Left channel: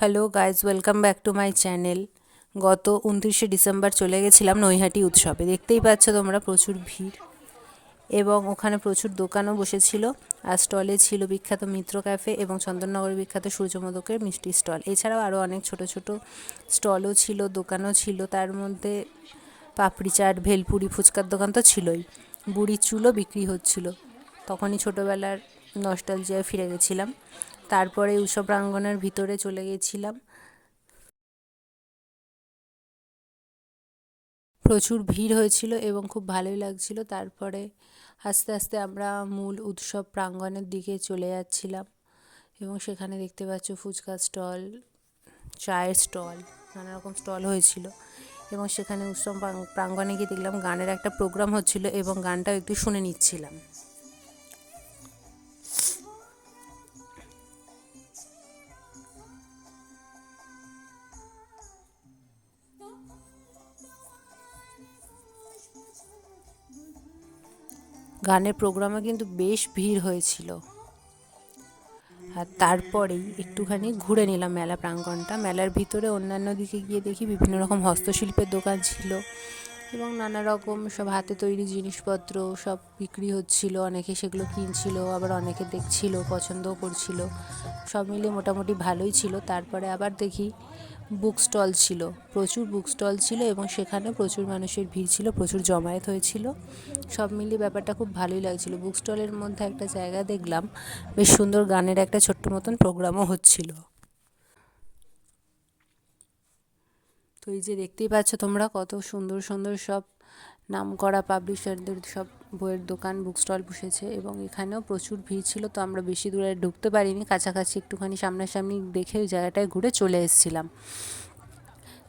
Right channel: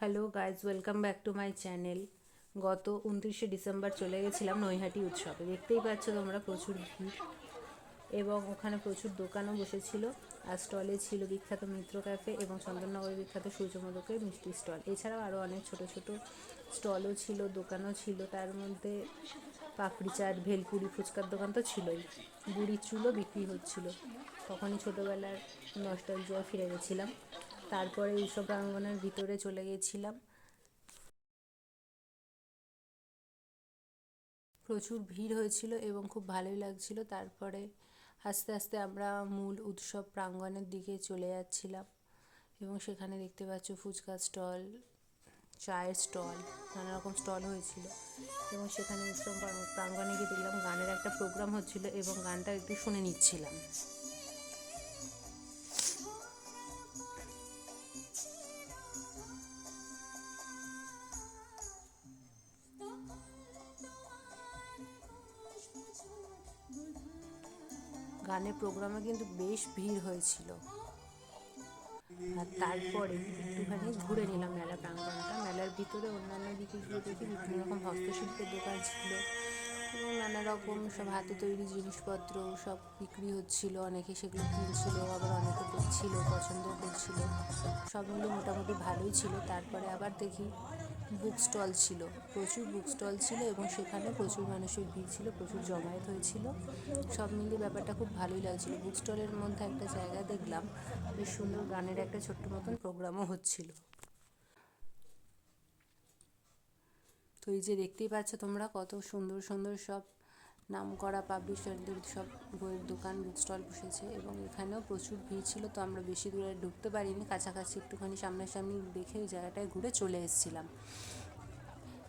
Hello guys, welcome back to my channel. গত 29শে December চলে গেছিলাম নৈহাটি উৎসবে। দেখতেই পাচ্ছ তোমরা প্রচুর ভিড়, এবং ওখানে প্রচুর দোকানও বসেছিল। আর স্টলে ছিল বিখ্যাত মিত্র ক্যাফে এবং চন্দননগরের বিখ্যাত সূর্যমোদকের মিষ্টি স্টল। এছাড়াও আরও অনেক ছোট ছোট স্টলও ছিল, দোকানও ছিল। তার মধ্যে পাপড়ি চাট, ভেলপুরি, ফুচকার দোকান তো ছিলই। বুড়ির চুলও বিক্রি হচ্ছিল। তখনই ছোটোবেলার নস্টালজিয়ায় ফিরে গেছিলাম। তারপরে উৎসব প্রাঙ্গণের ভিতরে চলে গেছিলাম। প্রচুর ভিড় হয়েছিল এবং খুব ভালোই লাগছিল। তারপরে আস্তে আস্তে আমরা মূল উৎসব প্রাঙ্গণের দিকে চলে যাচ্ছিলাম, এবং সেখানে দেখতে পাচ্ছ ফুচকা স্টল, চায়ের স্টল, নানা রকম স্টল হয়েছিল। এবং সেখানে উৎসব প্রাঙ্গণে গিয়ে দেখলাম গানের একটা প্রোগ্রাম হচ্ছিল, এবং গানটাও একটু শুনে নিচ্ছিলাম। গানের প্রোগ্রামে কিন্তু বেশ ভিড় হয়েছিল। আর তারপরেই একটুখানি ঘুরে নিলাম মেলা প্রাঙ্গণটা। মেলার ভিতরে অন্যান্য দিকে গিয়ে দেখি বিভিন্ন রকম হস্তশিল্পের দোকান ছিল, এবং নানা রকম সব হাতে তৈরি জিনিসপত্র সব বিক্রি হচ্ছিল। অনেকে সেগুলো কিনছিল, আবার অনেকে দেখছিল, পছন্দও করছিল। সব মিলিয়ে মোটামুটি ভালোই ছিল। তারপরে আবার দেখি বুক স্টল ছিল, প্রচুর বুক স্টল ছিল, এবং সেখানে প্রচুর মানুষের ভিড় ছিল, প্রচুর জমায়েত হয়েছিল। সব মিলিয়ে ব্যাপারটা খুব ভালোই লাগছিল। বুক স্টলের মধ্যে একটা জায়গা দেখলাম, বেশ সুন্দর গানের একটা ছোট্ট মতন প্রোগ্রামও হচ্ছিল। তো এই যে দেখতেই পাচ্ছ তোমরা, কত সুন্দর সুন্দর সব নামকরা পাবলিশারদের সব বইয়ের দোকান, বুক স্টল বসেছে, এবং এখানেও প্রচুর ভিড় ছিল। তো আমরা বেশি দূরে ঢুকতে পারিনি, কাছাকাছি একটুখানি সামনাসামনি দেখে ওই জায়গাটায় ঘুরে চলে এসেছিলাম।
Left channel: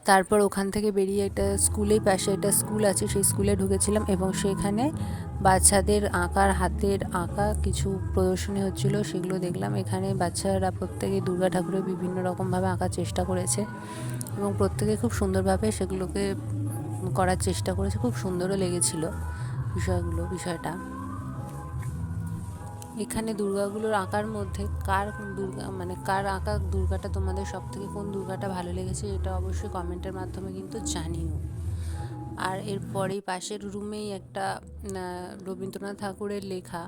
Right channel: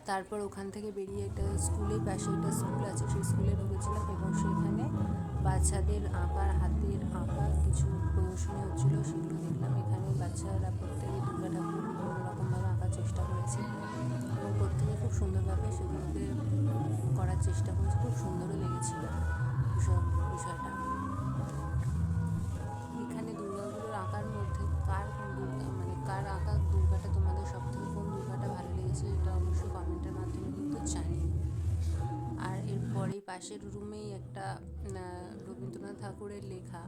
তারপর ওখান থেকে বেরিয়ে একটা স্কুলের পাশে একটা স্কুল আছে, সেই স্কুলে ঢুকেছিলাম, এবং সেখানে বাচ্চাদের আঁকার, হাতের আঁকা কিছু প্রদর্শনী হচ্ছিল, সেগুলো দেখলাম। এখানে বাচ্চারা প্রত্যেকে দুর্গা ঠাকুরের বিভিন্ন রকমভাবে আঁকার চেষ্টা করেছে, এবং প্রত্যেকে খুব সুন্দরভাবে সেগুলোকে করার চেষ্টা করেছে। খুব সুন্দরও লেগেছিল বিষয়টা। এখানে দুর্গাগুলোর আঁকার মধ্যে কার দুর্গা, মানে কার আঁকা দুর্গাটা তোমাদের সব থেকে কোন দুর্গাটা ভালো লেগেছে, এটা অবশ্যই কমেন্টের মাধ্যমে কিন্তু জানিও। আর এরপরেই পাশের রুমেই একটা রবীন্দ্রনাথ ঠাকুরের লেখা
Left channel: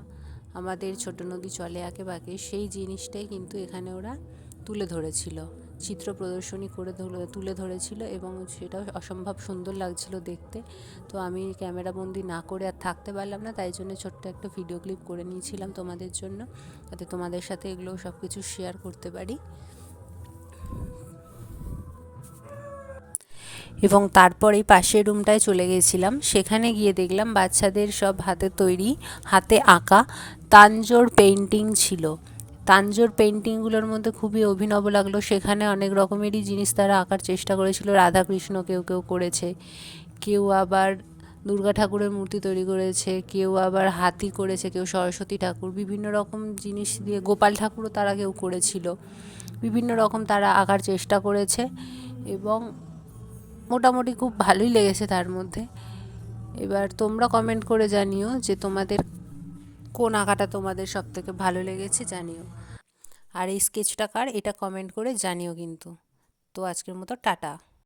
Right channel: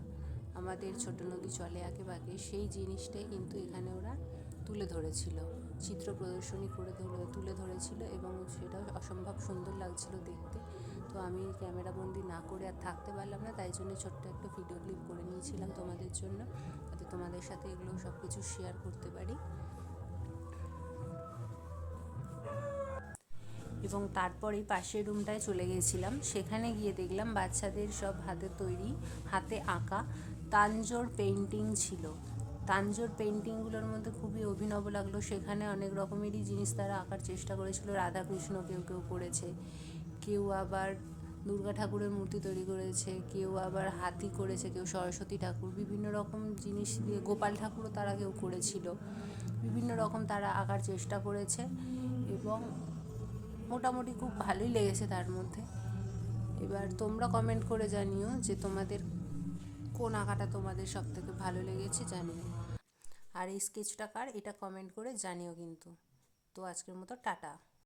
আমাদের ছোট নদী চলে আঁকে বাঁকে, সেই জিনিসটাই কিন্তু এখানে ওরা তুলে ধরেছিল, চিত্র প্রদর্শনী করে তুলে ধরেছিল, এবং সেটা অসম্ভব সুন্দর লাগছিল দেখতে। তো আমি ক্যামেরাবন্দি না করে আর থাকতে পারলাম না, তাই জন্য ছোট্ট একটা ভিডিও ক্লিপ করে নিয়েছিলাম তোমাদের জন্য, যাতে তোমাদের সাথে এগুলো সব কিছু শেয়ার করতে পারি। এবং তারপরেই পাশের রুমটায় চলে গেছিলাম। সেখানে গিয়ে দেখলাম বাচ্চাদের সব হাতে তৈরি, হাতে আঁকা তাঞ্জোর পেন্টিং ছিল। তাঞ্জোর পেন্টিংগুলোর মধ্যে খুবই অভিনব লাগলো। সেখানে অনেক রকমেরই জিনিস তারা আঁকার চেষ্টা করেছিল। রাধাকৃষ্ণ কেউ কেউ করেছে, কেউ আবার দুর্গা ঠাকুরের মূর্তি তৈরি করেছে, কেউ আবার হাতি করেছে, কেউ সরস্বতী ঠাকুর, বিভিন্ন রকম জিনিস দিয়ে গোপাল ঠাকুরও তারা কেউ করেছিল। বিভিন্ন রকম তারা আঁকার চেষ্টা করেছে, এবং মোটামুটি খুব ভালোই লেগেছে তার মধ্যে। এবার তোমরা কমেন্ট করে জানিও যে তোমাদের কোন আঁকাটা তোমাদের সব থেকে ভালো লেগেছে, জানিও। আর এই স্কেচটা কার, এটা কমেন্ট করে জানিও কিন্তু। তো আজকের মতো টাটা।